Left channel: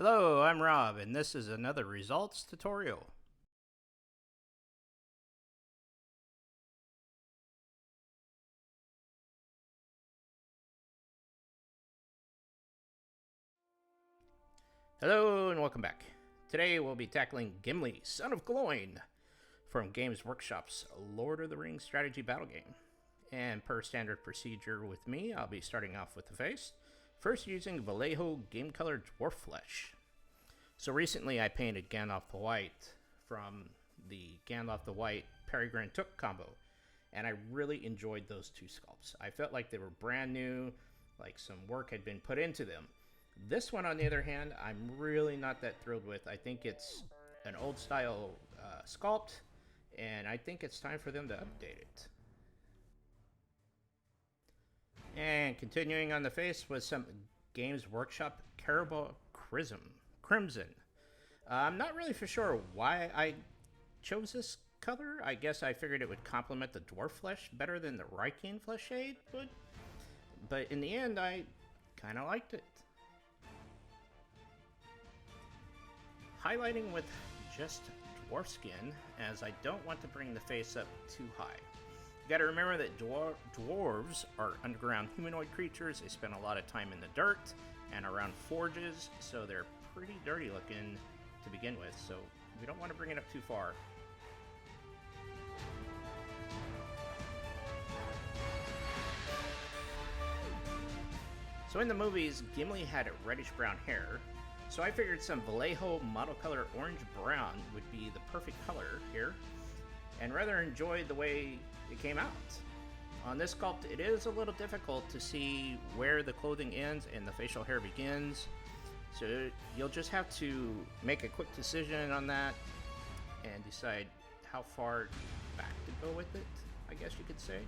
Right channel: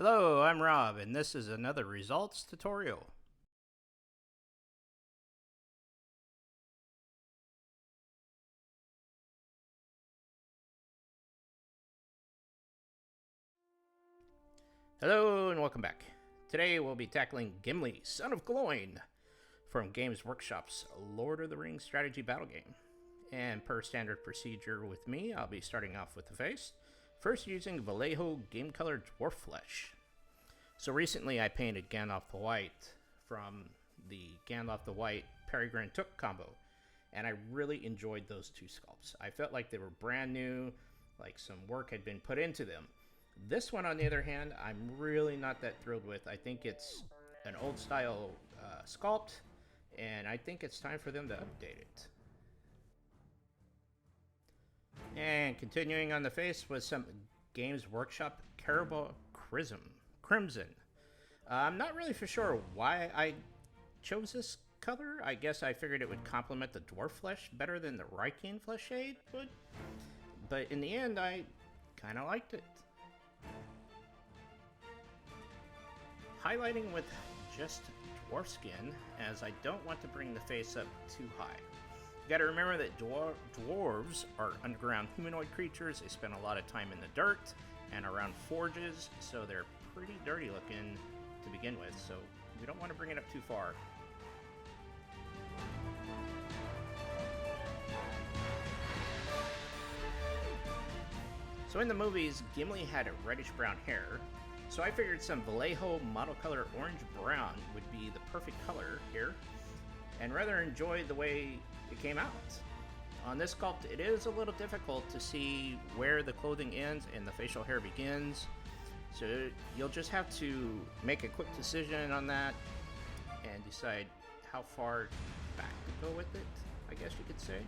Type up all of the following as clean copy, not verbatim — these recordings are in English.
Hello, I'm Rob, and this is another results tutorial. Hello, and welcome back. Today we'll be tackling Gimli, son of Gloin, from Games Workshop's Lord of the Rings strategy battle game. And per standard procedure with me, I'll be starting off with the face, first using Vallejo Game Color Dwarf Flesh. So recently I painted Gandalf the White from the Gandalf the White Peregrine Took combo, and I really enjoyed those two sculpts. I felt like they were brand new, like some work had been put into them. This one, on the other hand, I'm really not that thrilled with. I think it's an old style sculpt, and I think it's time for them to update it. And continuing on the face was some Games Workshop Carroburg Crimson. I'm not really for sure why I chose this color. I guess I figured it would complement the dwarf flesh better than the Rykian flesh shade would. But in the end, I kind of liked it. Highlighting with just dwarf skin, as I don't want to bring the face up too high. You gotta remember that dwarves are underground humanoid creatures. They spend a lot of time in the dirt and around forges, so they're pretty dirty looking to begin with, so we don't want to bring it up too far. So in the movies, Gimli had reddish brown hair, so I figured some Vallejo model color orange brown would be the perfect color here, and rather enjoyed the way it came out. On this sculpt, it is a little difficult to see where the clothing ends and the facial hair begins, so you'll just have to make a quick decision on that and decide how far back to go with it, I guess you could say.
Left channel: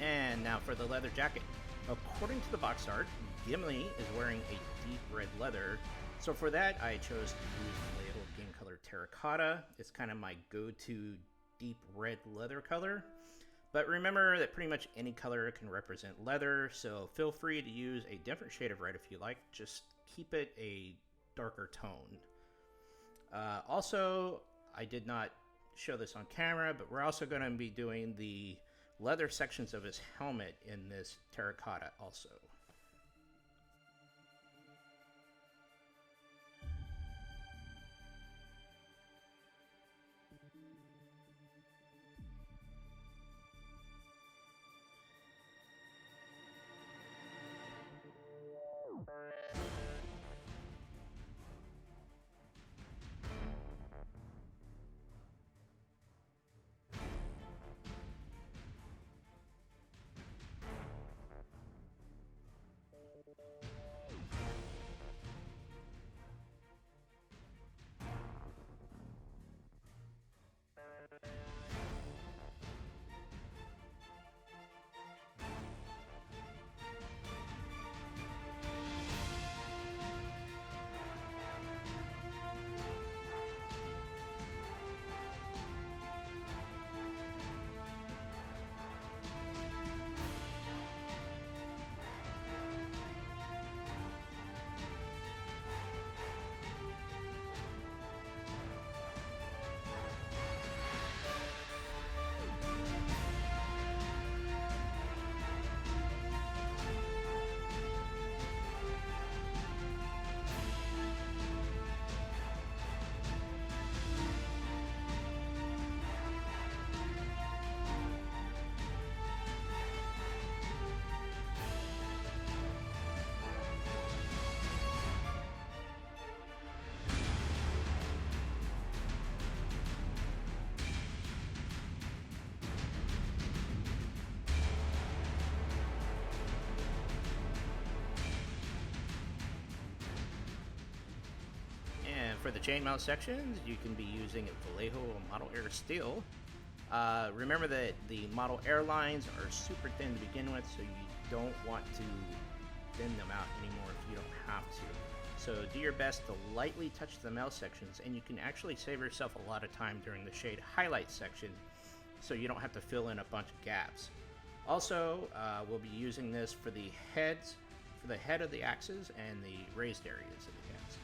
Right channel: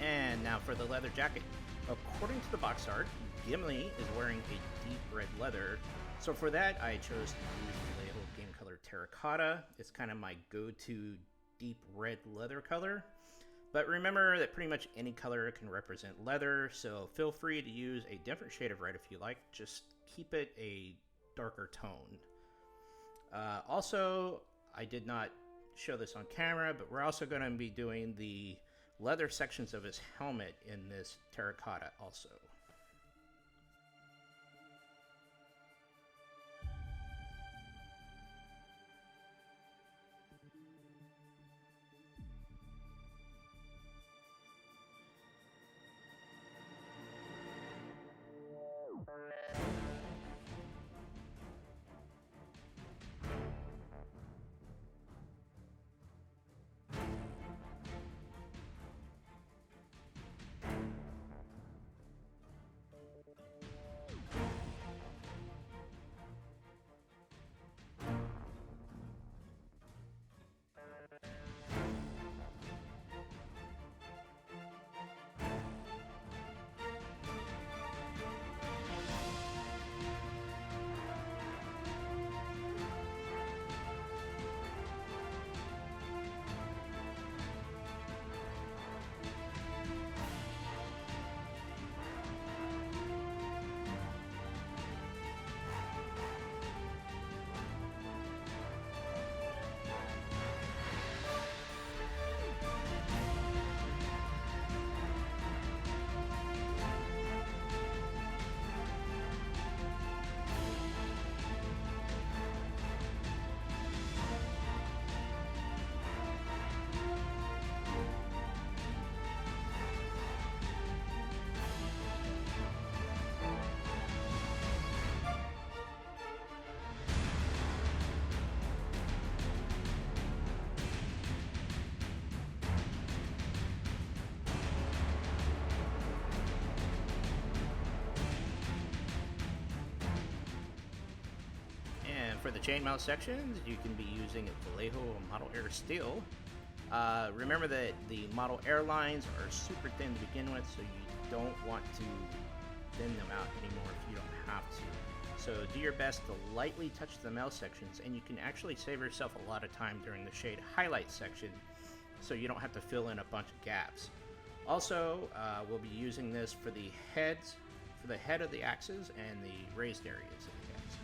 And now for the leather jacket. According to the box art, Gimli is wearing a deep red leather, so for that I chose to use Vallejo Game Color Terracota. It's kind of my go-to deep red leather color. But remember that pretty much any color can represent leather, so feel free to use a different shade of red if you like. Just keep it a darker tone. Also, I did not show this on camera, but we're also going to be doing the leather sections of his helmet in this terracotta also. And for the chainmail sections, you can be using Vallejo Model Air Steel. Remember that the Model Air lines are super thin to begin with, so you don't want to thin them out anymore if you don't have to. So do your best to lightly touch the mail sections, and you can actually save yourself a lot of time during the shade highlight section, so you don't have to fill in a bunch of gaps. Also, we'll be using this for the heads, for the head of the axes and the raised areas of the axes.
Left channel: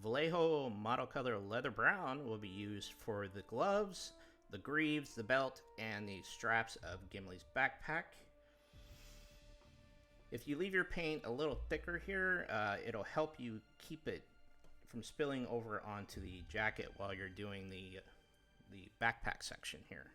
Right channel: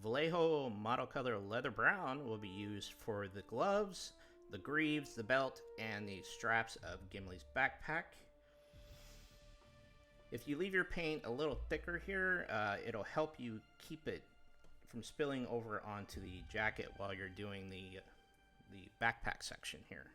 Vallejo Model Color Leather Brown will be used for the gloves, the greaves, the belt, and the straps of Gimli's backpack. If you leave your paint a little thicker here, it'll help you keep it from spilling over onto the jacket while you're doing the backpack section here.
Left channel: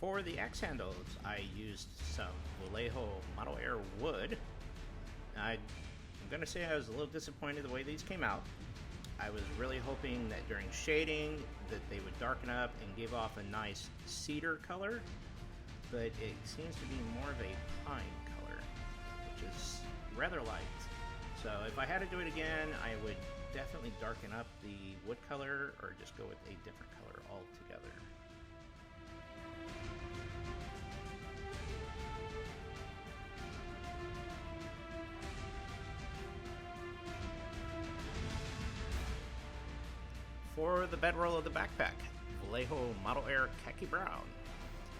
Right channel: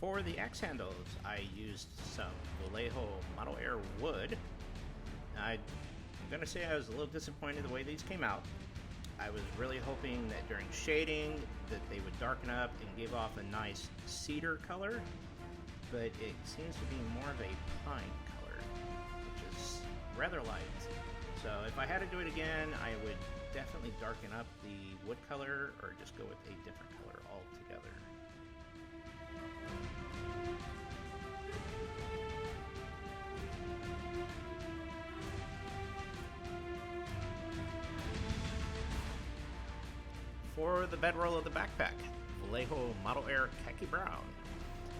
For the axe handles, I used some Vallejo Model Air Wood. I'm going to say I was a little disappointed the way these came out. I was really hoping that during shading that they would darken up and give off a nice cedar color, but it seems to be more of a pine color, which is rather light. So if I had to do it again, I would definitely darken up the wood color or just go with a different color altogether. For the bedroll of the backpack, Vallejo Model Air Khaki Brown.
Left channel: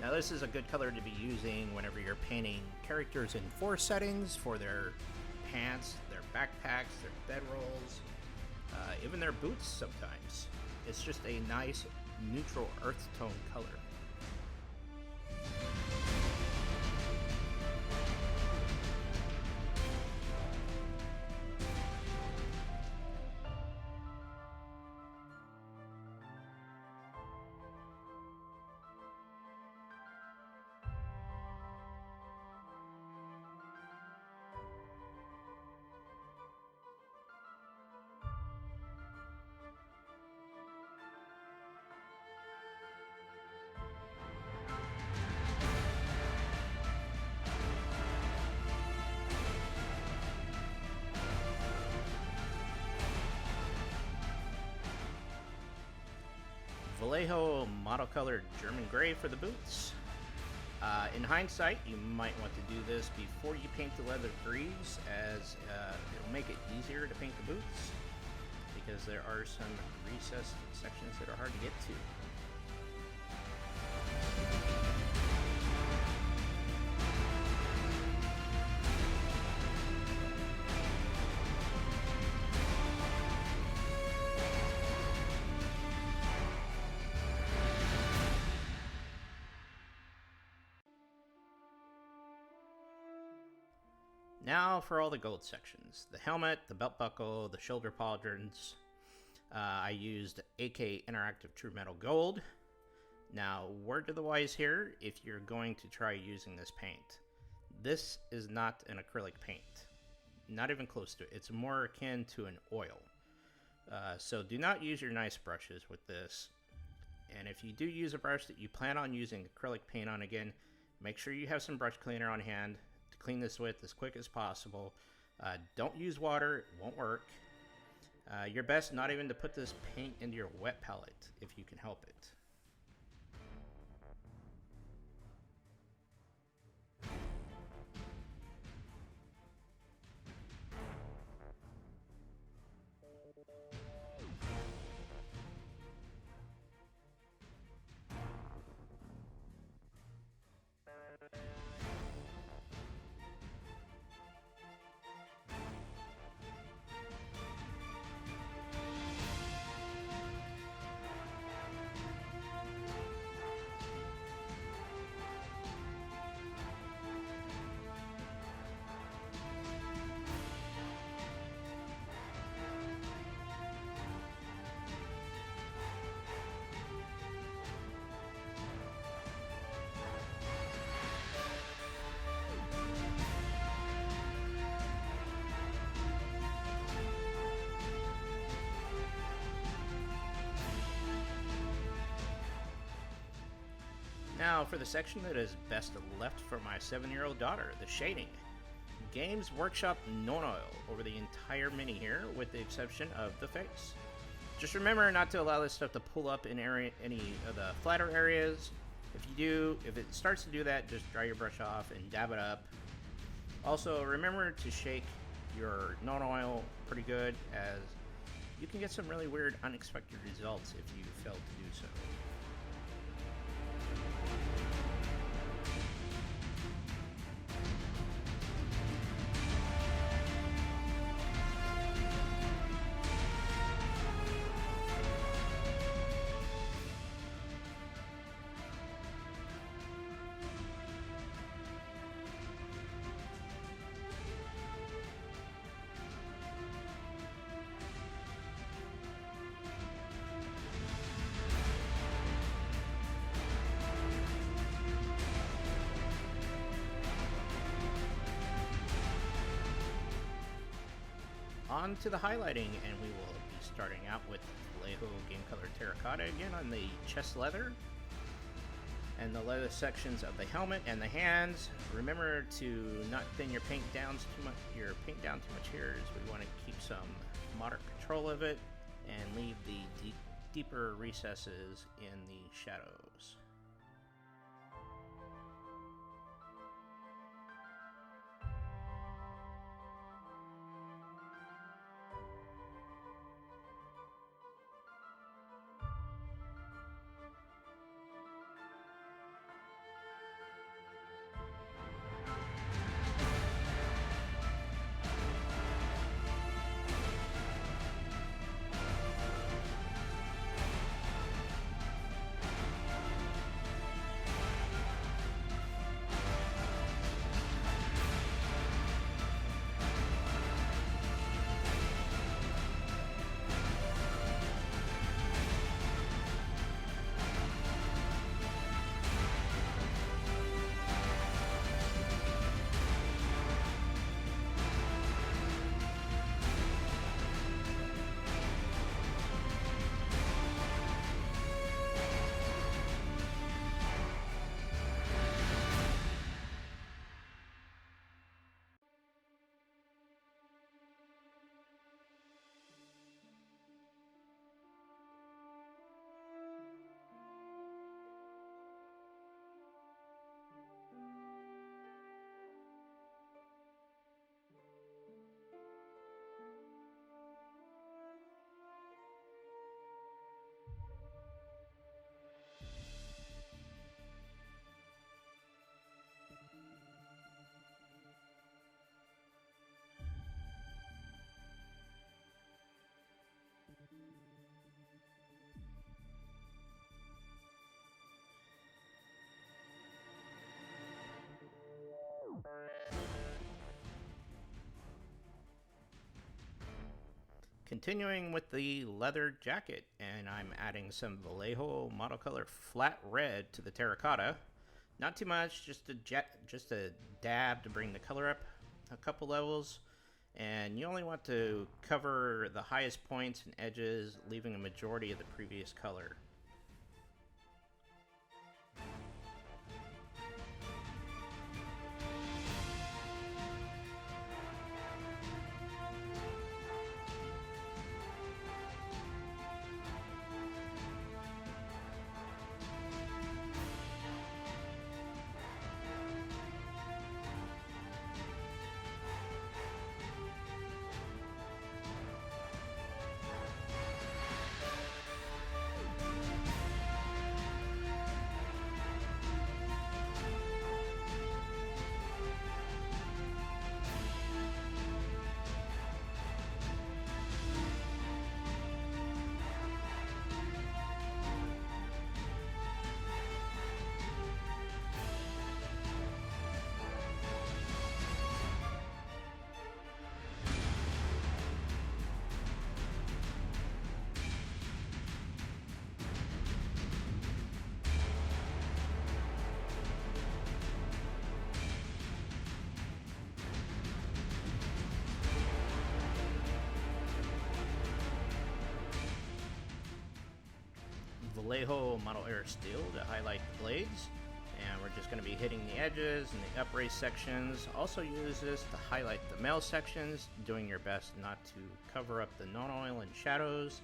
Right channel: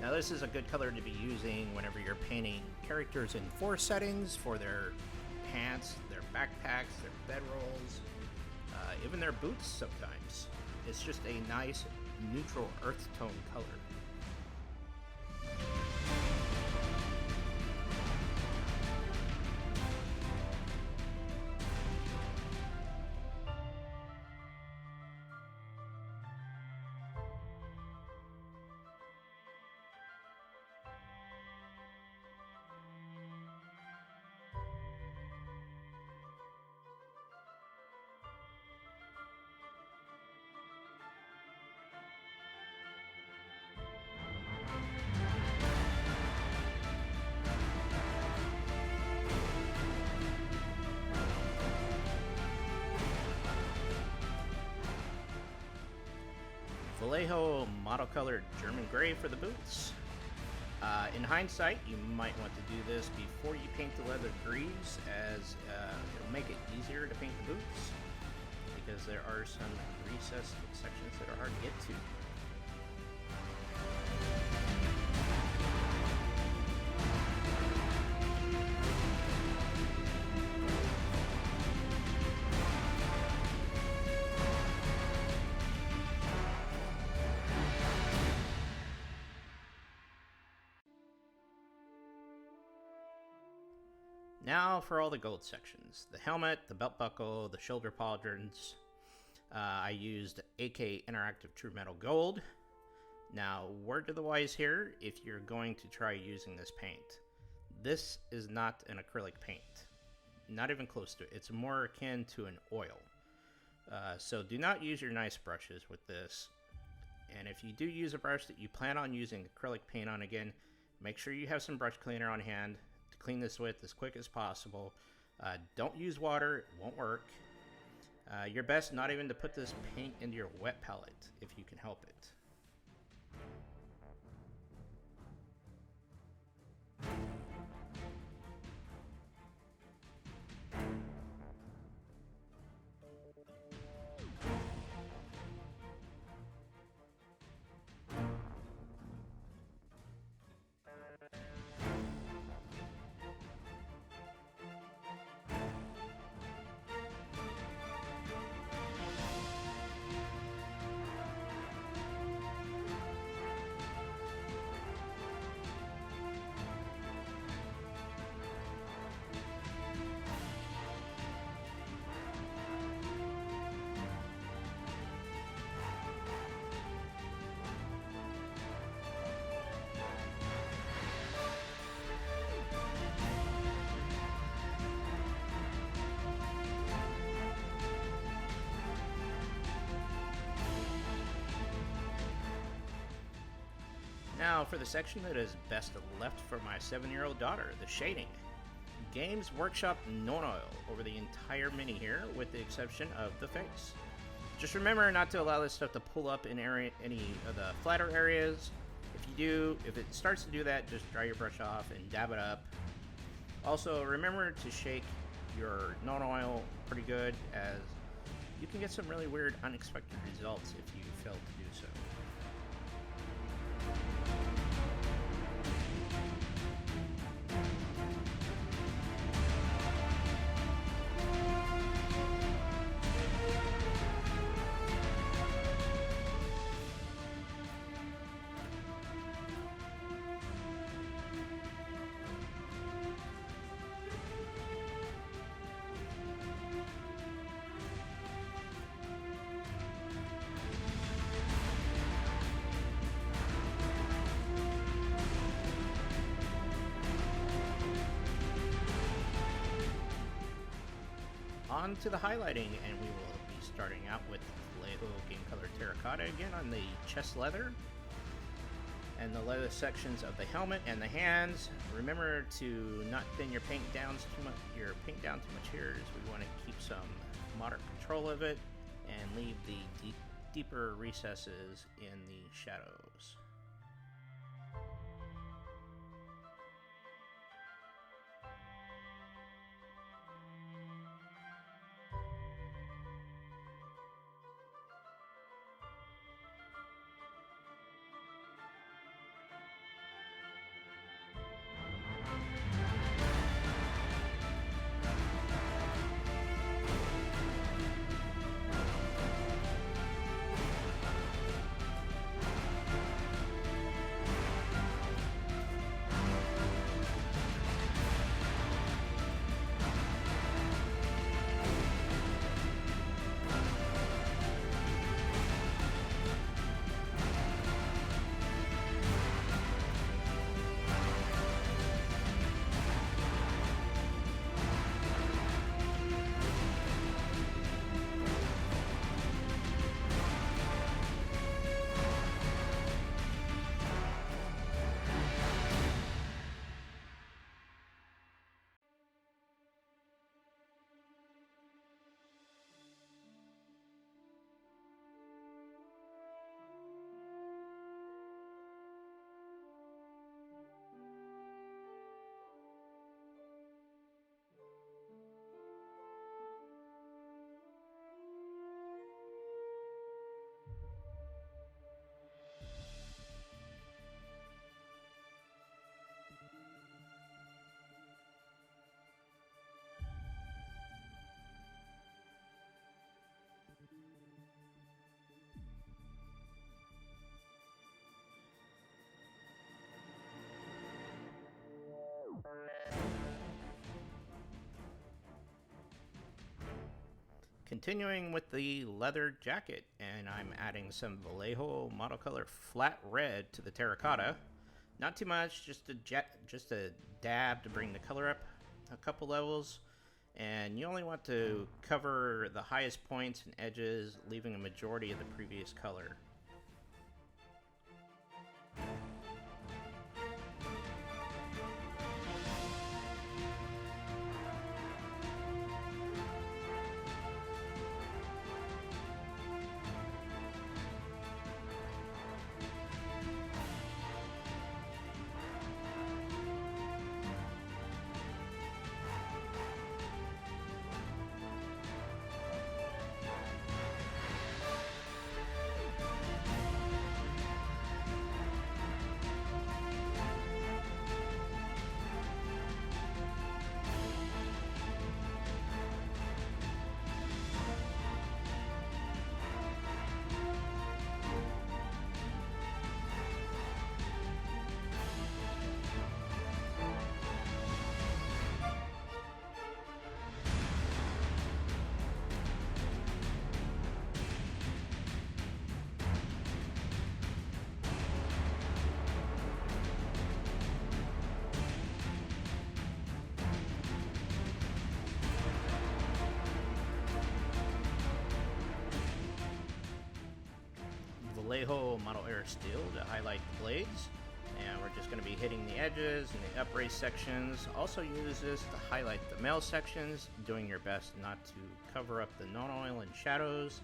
Now this is a good color to be using whenever you're painting characters in forest settings for their pants, their backpacks, their bedrolls, even their boots sometimes. It's just a nice neutral earth tone color. Vallejo model-colored German Grey for the boots. In hindsight, you might want to do this before you paint the leather greaves, as it'll make it easier to paint the boots, because there are some recessed sections that are hard to get to. Now for all the gold sections. The helmet, the belt buckle, the shoulder pauldrons. I used AK Interactive True Metal Gold. Now, word to the wise here, if you're going to try using this paint. This is not an acrylic paint. Not even close to it. It's more akin to an oil. So do not use your nice brushes with this. And if you do use a brush that you plan on using acrylic paint on again, make sure you have some brush cleaner on hand. Clean this with as quick as possible. Don't use water, it won't work. Your best not even to put this paint into your wet palette if you can help it. Now for the section that is best left for my 7-year-old daughter, the shading. Games Workshop Nuln Oil over the entire mini here, with the exception of the face. Just remember not to allow this stuff to pull up in any of the flatter areas. If it starts to do that, just dry your brush off and dab it up. Also, remember to shake your Nuln Oil pretty good, as you can get some really weird, unexpected results if you fail to do so. On to the highlighting, and we will be starting out with Vallejo Game Color Terracota again on the chest leather and the leather sections of the helmet and the hands. Remember to not thin your paint down too much. Here, as we want to keep some moderate control of it and leave the deeper recesses in the shadows. Continuing with the leather jacket, and I'm adding some Vallejo model color flat red to the terracotta. Not too much, just a dab to bring the color up a couple levels. And you only want to cover the highest points and edges, leaving a majority of the previous color. Vallejo Model Air Steel to highlight the blades, and we're just going to be hitting the edges and the upraised sections. Also use this to highlight the male sections, doing your best not to cover up the Nuln Oil and shadows.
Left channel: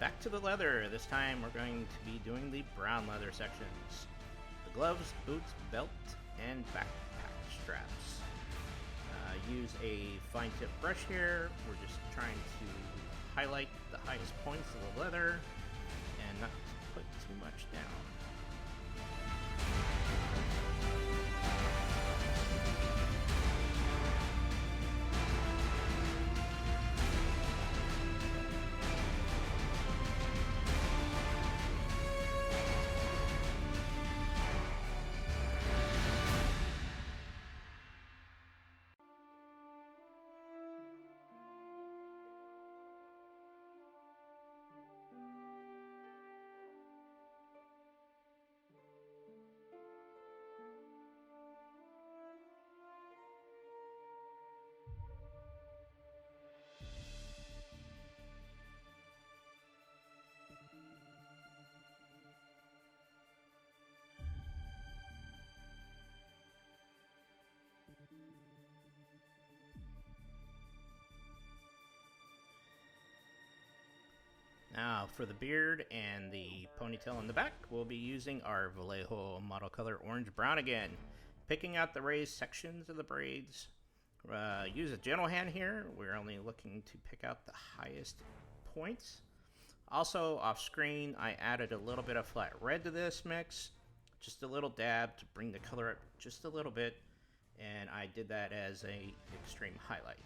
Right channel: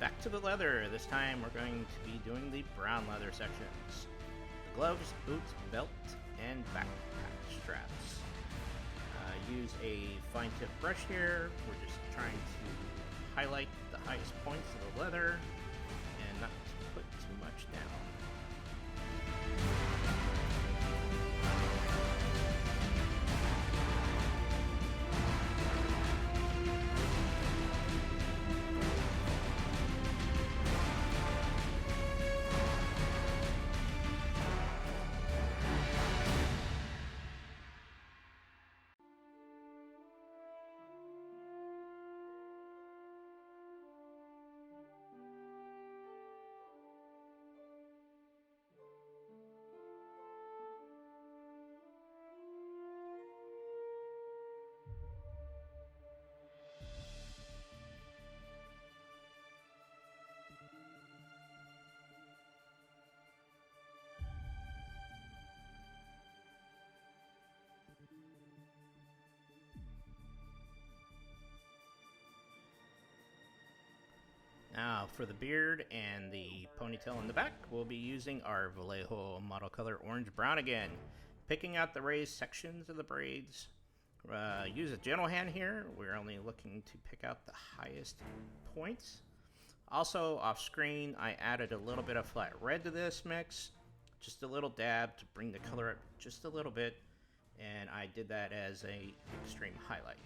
Back to the leather. This time we're going to be doing the brown leather sections. The gloves, boots, belt, and backpack straps. Use a fine tip brush here. We're just trying to highlight the highest points of the leather and not put too much down. Now for the beard and the ponytail in the back, we'll be using our Vallejo model color Orange Brown again. Picking out the raised sections of the braids. Use a gentle hand here. We're only looking to pick out the highest points. Also off screen, I added a little bit of flat red to this mix. Just a little dab to bring the color up just a little bit. And I did that as a extreme highlight.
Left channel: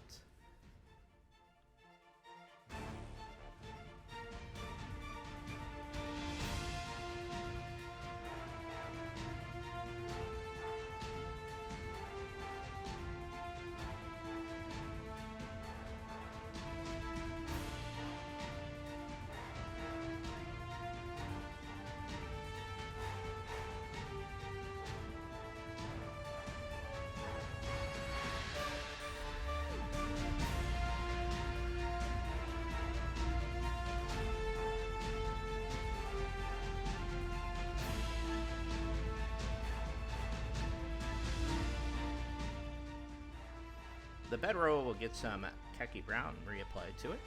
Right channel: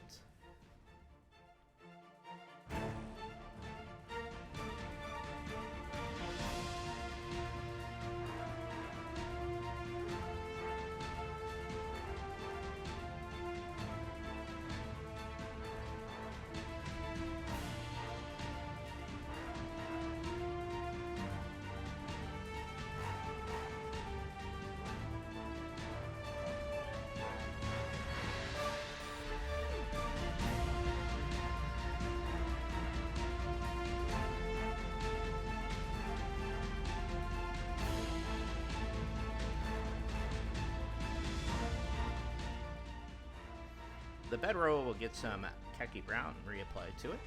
The bed row will get some khaki brown reapplied to it,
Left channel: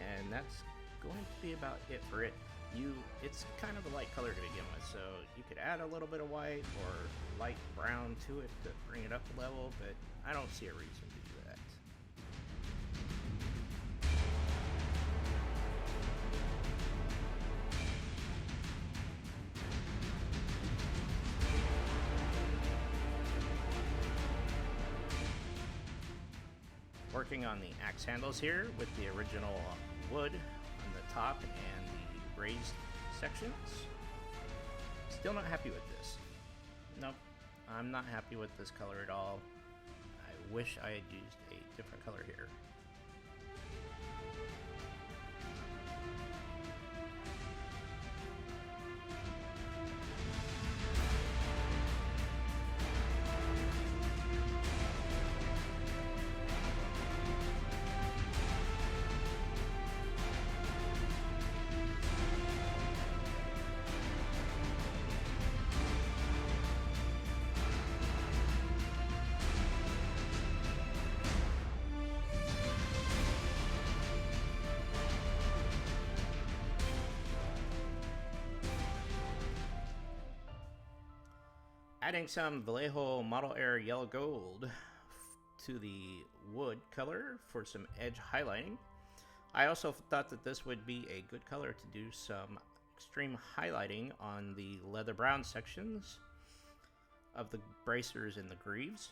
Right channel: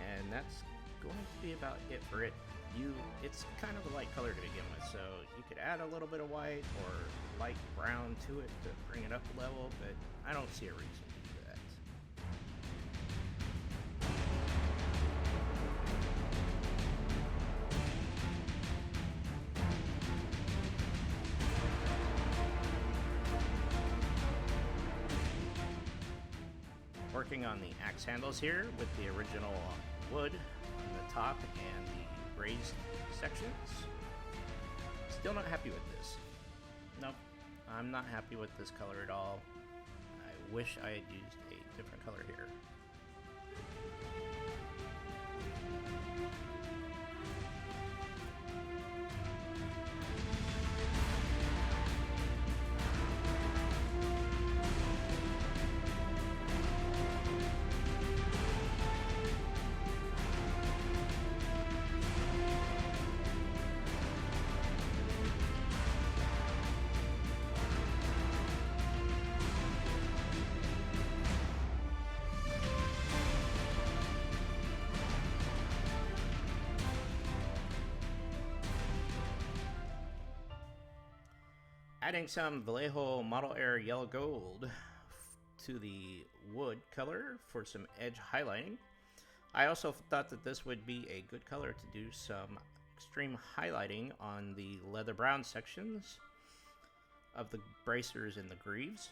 and that's going to be about it for it. It's kind of a light color to begin with, so you could add a little bit of white or light brown to it to bring it up a level, but I don't see a reason to do that. Working on the axe handles here with the original wood on the top and the raised sections. Still not happy with this. Nope, I'm not happy with this color at all. I wish I had used a different color here. Adding some Vallejo Model Air Yellow Gold to the wood color for some edge highlighting. I also thought that this would be a good color to do some extreme highlighting on the leather brown sections of the bracers and the greaves.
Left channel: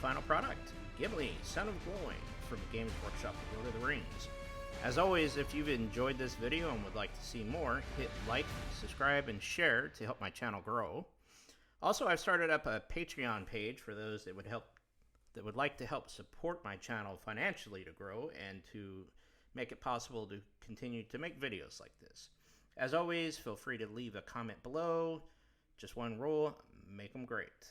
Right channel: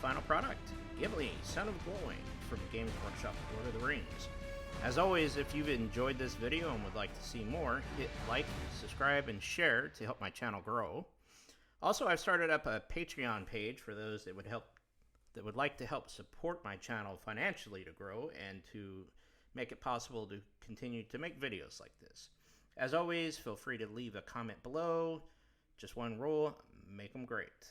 Final product, Gimli, Son of Gloin, from Games Workshop Lord of the Rings. As always, if you've enjoyed this video and would like to see more, hit like, subscribe, and share to help my channel grow. Also, I've started up a Patreon page for those that would like to help support my channel financially to grow and to make it possible to continue to make videos like this. As always, feel free to leave a comment below. Just one rule, make them great.